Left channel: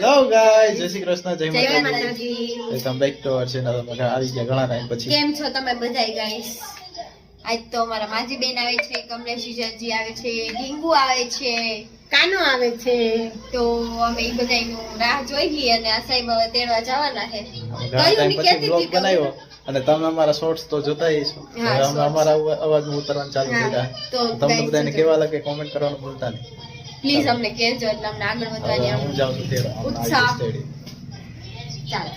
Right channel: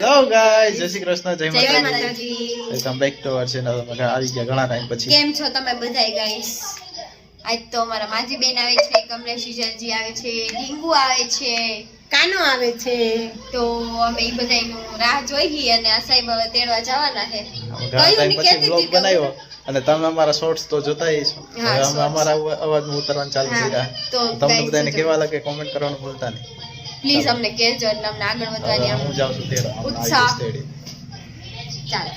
Hello guys જય શ્રી કૃષ્ણ. જય Mataji. Welcome back to our channel અમે આવી ગયા ઘણા ટાઈમ પછી. કેમ છો તમે બધાય ગાઈસ આજ તો અમારા માજી બેન આવે છે કમલેશ જીજાજી આવે છે ઢીંગુ આવે છે. કાનો આવે છે? તો અમે એ બધાયનું રાહ જોઈએ અને આ સાહેબ હવે તેડવા જવાના છે. કયું બ્લોગ હતી બનાવ્યો. અને તમે અમારા શોર્ટ્સ તો જોતા અમે અમારા અવા- અવાજમાં ઉતરવાનું ચાલુ કર્યા. તો તમને બધાને કેવા લાગે? કોમેન્ટ કરવાનું ભૂલતા નહીં. પ્લીઝ અમને કહેજો એટલે અમને આગળ વધવાની આમ ઉત્સાહ. ચાલો.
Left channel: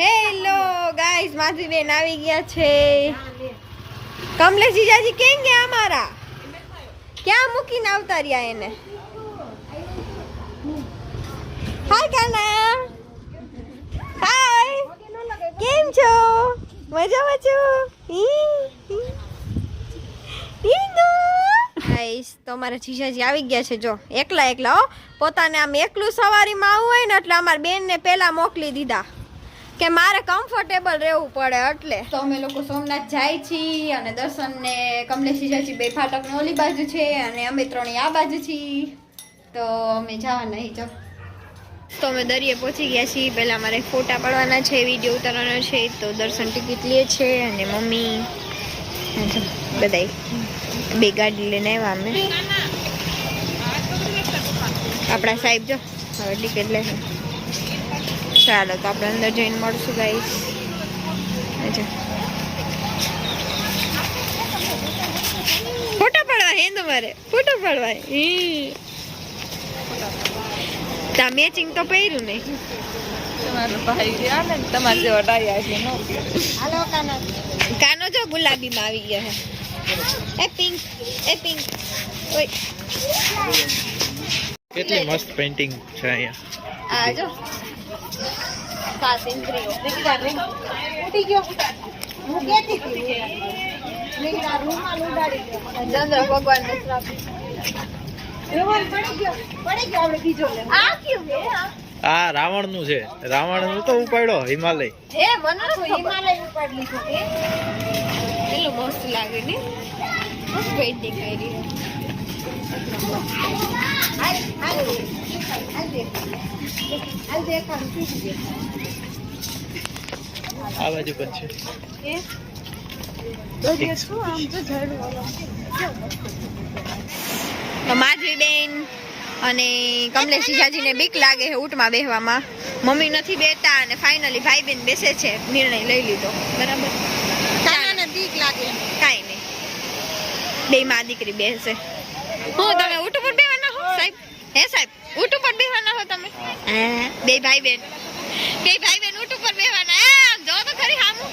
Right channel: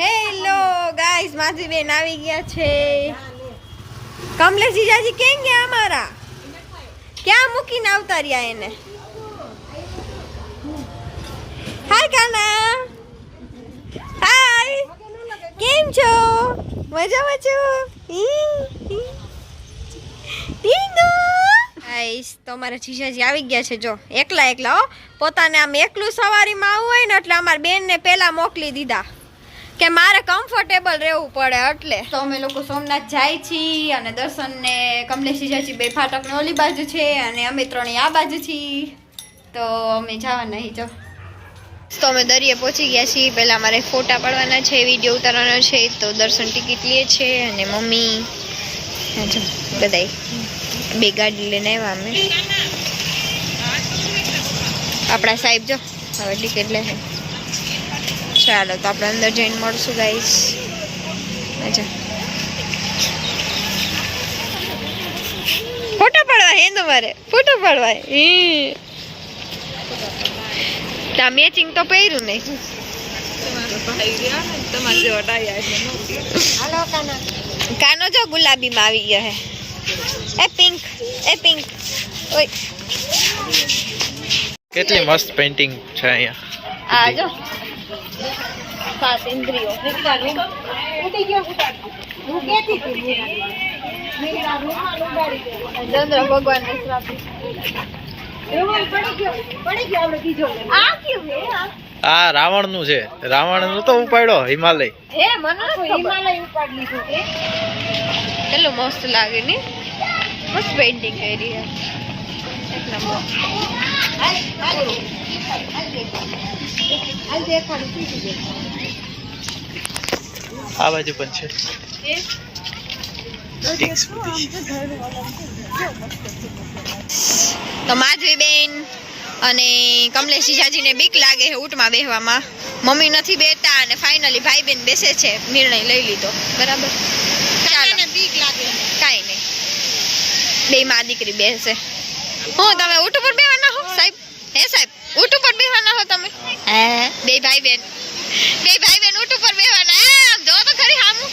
હેલો ગાઈસ માજી બેન આવી ગયા છે. કમલેશ જીજાજી કેમ ગયા અમારા? ક્યાં મૂકીને આવતા રહ્યા એને? હાય કાના. હાય કેમ છો? મજામાં છો? ટીંગો. ગાઈસ તો અમારા જીજાજી આવી ગયા છે, જો. એકલા એકલા, હો. પોતાને આમ એકલું સવારીમાં આવવું હોય ને, એટલે અમારા બેનને પહેલાં મોકલી દીધા. કે મારે કમ્ફર્ટેબલ રહેવું પડે એટલે. તો અમે લોકો સોમનાથ જાય છીએ અને દર્શનને કમલેશ જીજાજી બે ફાટકની ઓલી બાજુ છે અને અમે ત્રણેય આ બાજુ છીએ. તો અમે જવાના જો. તો અમે દરિયે પહોંચી ગયા છીએ. પહેલાં મારે ફોટા પાડવાના છે, વીડિયો ઉતારવાનો છે, તો દર્શન ટિકિટ લે છે અને મમ્મી હા, જો, બધાય બે ગાડી લઈને આવ્યા અમે. આપણા સાહેબ જો, હવે ટિકિટ લે ચાલો, તો આપણે અંદર જઈને મળશું ગાઈસ અચ્છા ફોટો પાડવા, હે તમારે ફોટો પાડવા. હે. તા મેચિંગ તો પહેર્યું નહીં કાનો જો ગુલાબીમાં આવી ગયો હે એ પિંક એ પિંક ઓય કેટલી મસ્ત પેઇન્ટિંગ છે અહીંયા આ જો ચંદ્ર ભગવાન ને શ્રાપ. આ? આ રાવણનું છે. રાવણનું તો ઉપાડ્યો હિમાલય. હે મને નથી ખબર. કેટલું મસ્ત લાગે ને? મસ્ત પેઇન્ટિંગ કરી આ બાજુ પણ છે. તો માધવી બેન અને કમલેશ જીજાજીને બીક લાગે છે ઊંટમાં બેહવામાં. મમ્મી નથી બેતા અને ફાઇનલી ભાઈ બેન બેસે છે નિર્ણય લઈ લીધો. બરાબર? બીક લાગે? કાંઈ નહીં. બે માં દીકરી બેસે. હું તમે ઊંટ ઉપર બેવાના હો સાહેબ? હે સાહેબ ઊંટ ઉપર બેવાના હો તમે? હે? બે ભાઈ બેન બે ભાઈ બેન ઊંટ ઉપર બેવાના એ આમ જો તો ખરી હામું.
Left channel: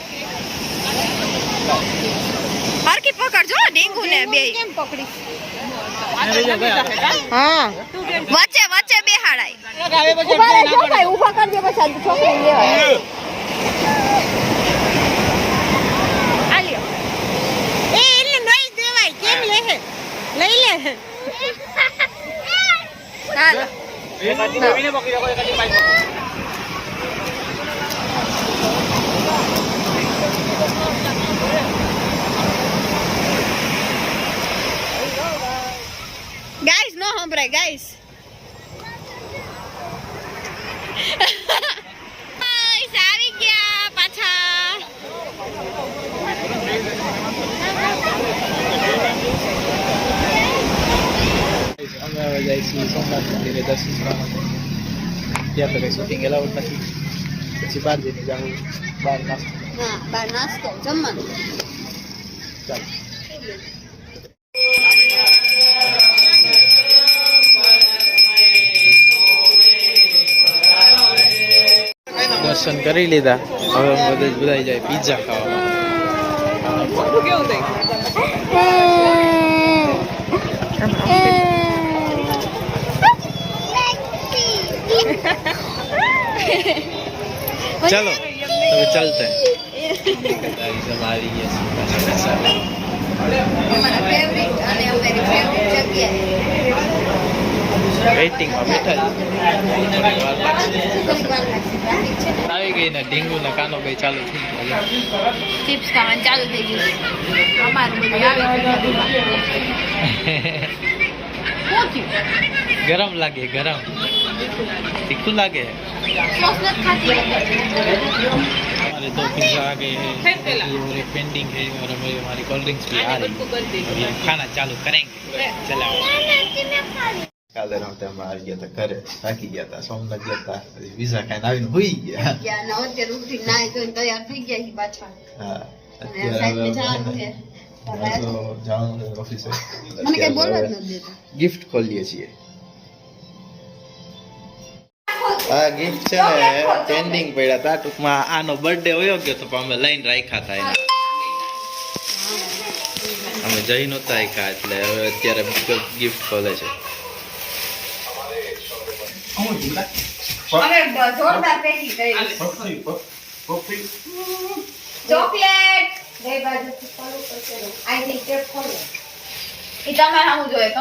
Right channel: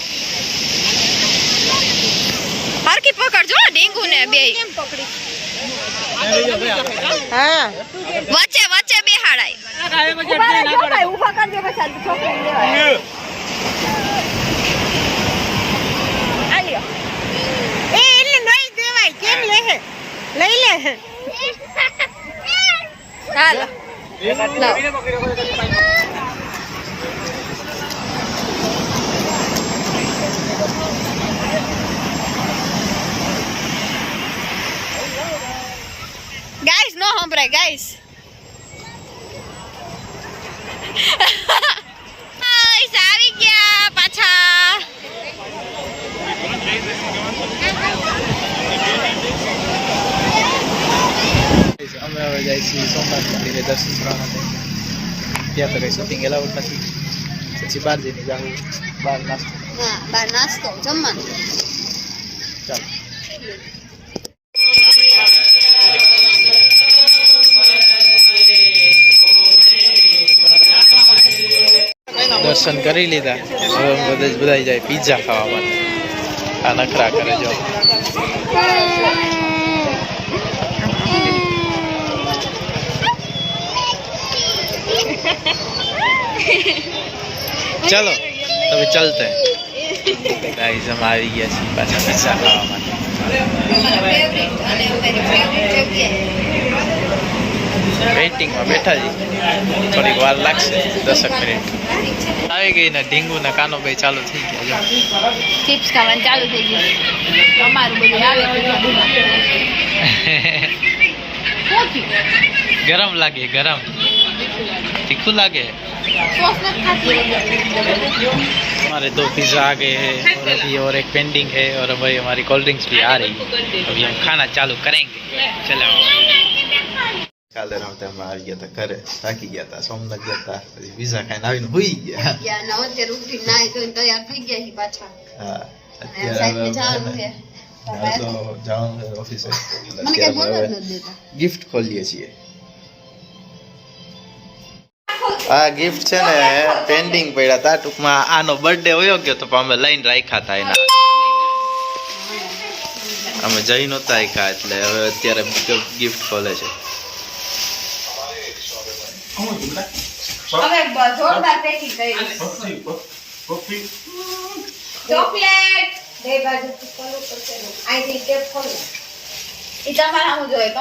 હરકી પકડજો ડીંગુ ને બે. વચ્ચે વચ્ચે બેહાડાય આલ્યો એ એટલે નહીં દેવાય કેમ લે હે? લઈ લે. હાલો ગાઈસ નો સંભળાય ગાઈસ આવી ગયા પાછા અમે હવે જાય છીએ સોમનાથ મંદિરે દર્શન કરવા માટે ત્યાં તો કઈ શૂટિંગ એલાઉડ નથી પછી બહાર જઈને જાઉં બહાર નાસ્તો હા બાર નાસ્તો જમવાનું ચાલો દર્શન કરી લીધા. હવે અમે બધા જ બધા જાય પીઝા ખાવા માટે. આ નખરા કરી જો ચલો, તમે ચલતે. ગાઈઝ અમે આવી ગયા છીએ પાછા પીઝા ખાવા માટે અમારા ફેવરિટ અને અમારી ફેવરિટ જગ્યાએ વેઇટિંગમાં બેઠા છીએ થોડીક વાર લાગશે દસક મિનિટ આવી ગઈ ને ઢીંગુ ને કાનો બે ચાલુ થઈ ગયા જો ચિપ્સ ખાવાનું ચાલુ થઈ ગયું અમારું બધું આવે ગરમ લાગે ગરમ तीखू लागे है हमारे दो पिज्ज़ा आ गए हैं अभी और एक पेंडिंग है और अभी हमारी कोल्ड ड्रिंक्स भी आ रही है अभी हम खाना चालू करेंगे चलो કાલે રાતે અમે આવી ગયા હતા ઘરે થાકી ગયા હતા સોમનાથ ગયા હતા પછી વિઝા ખાઈને આવીને હુઈ ગયા અત્યારે ઉઠી નાઈ ધોઈને તૈયાર થઈ ગયા છે પાછા હા અત્યારે તો જવાનું છે ઓફિસે ગિફ્ટ ખોલીએ છીએ આ ગિફ્ટ છે ને પેન્ડિંગ પડ્યા હતા ટૂંકમાં આનો બર્થડે હોયો ગયો તો અમે લઈને રાખ્યા હતા એના. અમે જઈ નહોતા રાખ્યા એટલે હવે અત્યારે ગિફ્ટ ખોલે છે. હવે બ- જોરદાર પેટી કરી. ચોકલેટ. બે બાજુ ખોલો પછી અહીંથી ટેપ ખોલો એ તમારે જોઈએ.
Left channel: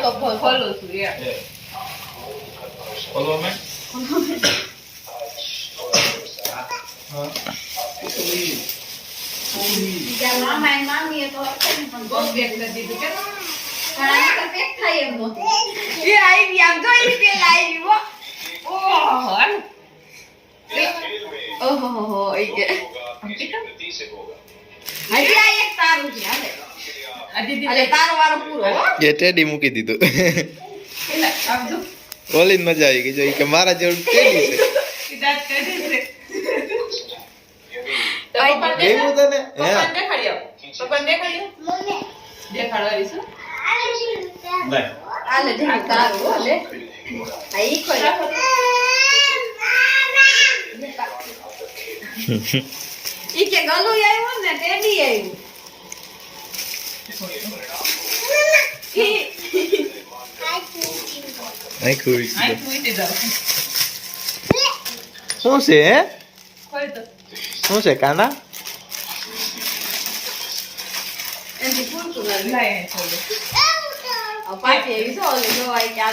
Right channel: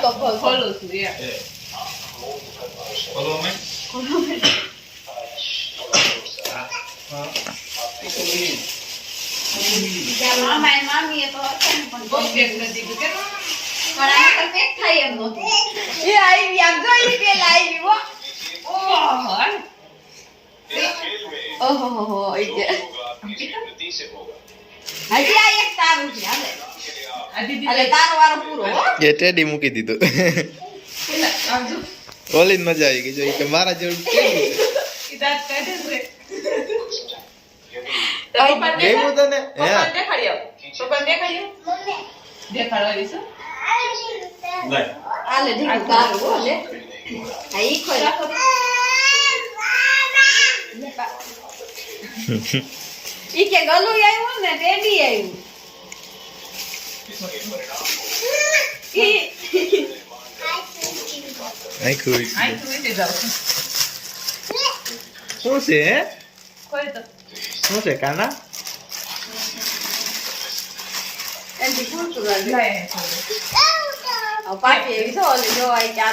તો ખોલું છું મામા? મામી એ તો હતા નથી પણ પણ આને તો થાય એમ એ આવી આમ જોઈ પેલા આવી હો. ઓહો હો હો એ કે હજી આ એક તારું છે હાલે. હાલે તારો વારો પૂરો એ ટેડી મૂકી દીધું. ઓલી જ. મજા આવી ગઈ જો કે મારા જેવું ટેડી છે. ગયું તને? હે હાલે ઢીંગું તારું હો લે આ ઈ ખોલ. ઈ કે ગલું આવ્યું ને ટેડી આવ્યું. ઈ આખું શું છે હે? શું છે કાના? એવી તો ઓલી જોવાય કે આ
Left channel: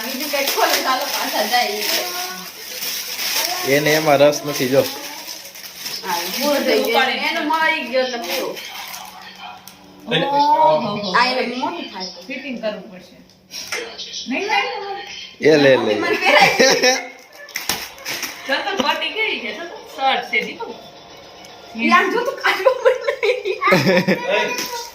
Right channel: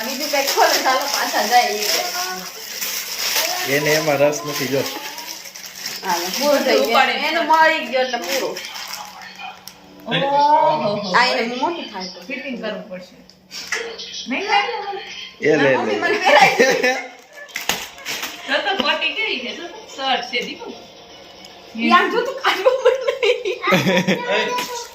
બીજું કઈ ખોલે ચાલો પાછા જાય ઈ કે. એને એમાં રસ નથી જો. એ લે લે. મને તો તો કોટી કેવી છે તો તો છે દીકુ યાર જો તું કાઢવું પડે.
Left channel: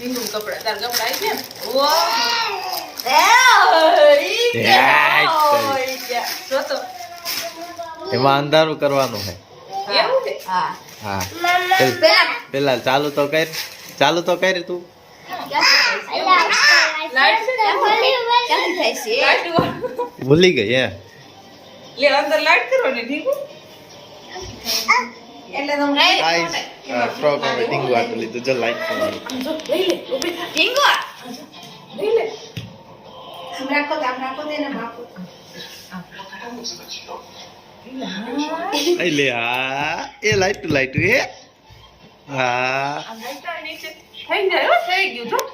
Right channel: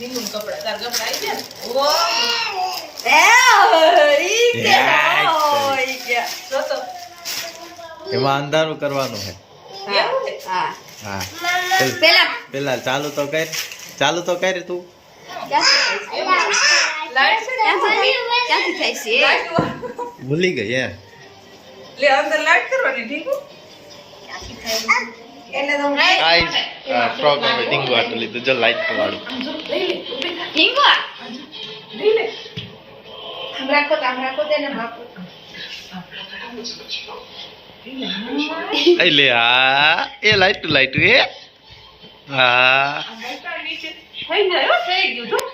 गए. ભરે ઢીંગું છે ભાઈ. આ ઊભો રહે, કાના એને ખોલવા દે. તાર તે બે ખોલ્યા ને. ઢીંગું કપડા તાર કપડા આવી ગયા ઓ એ, ઈ યાર, ગયા. ઈ ગયા. જો તો એમાં અંધારું કરવાનું છે હા. હા પેલા પેલા ચાલુ તો કર ચાલુ તો કર તું. ભૂલી ગઈ હે અંદર લાઈટ કરવાની ઢીંગું એટલે તમને ગાઈસ ફ્રોક અમે ટીંગુ આટલું લીધું. જો લાઈટ વાળું. ઢીંગો આ. આમ રાખો આમ રાખો તો એને માપો. એ લે હા એ લાઈટ લાઈટ એ. હા. થઈ હો થઈ ગયું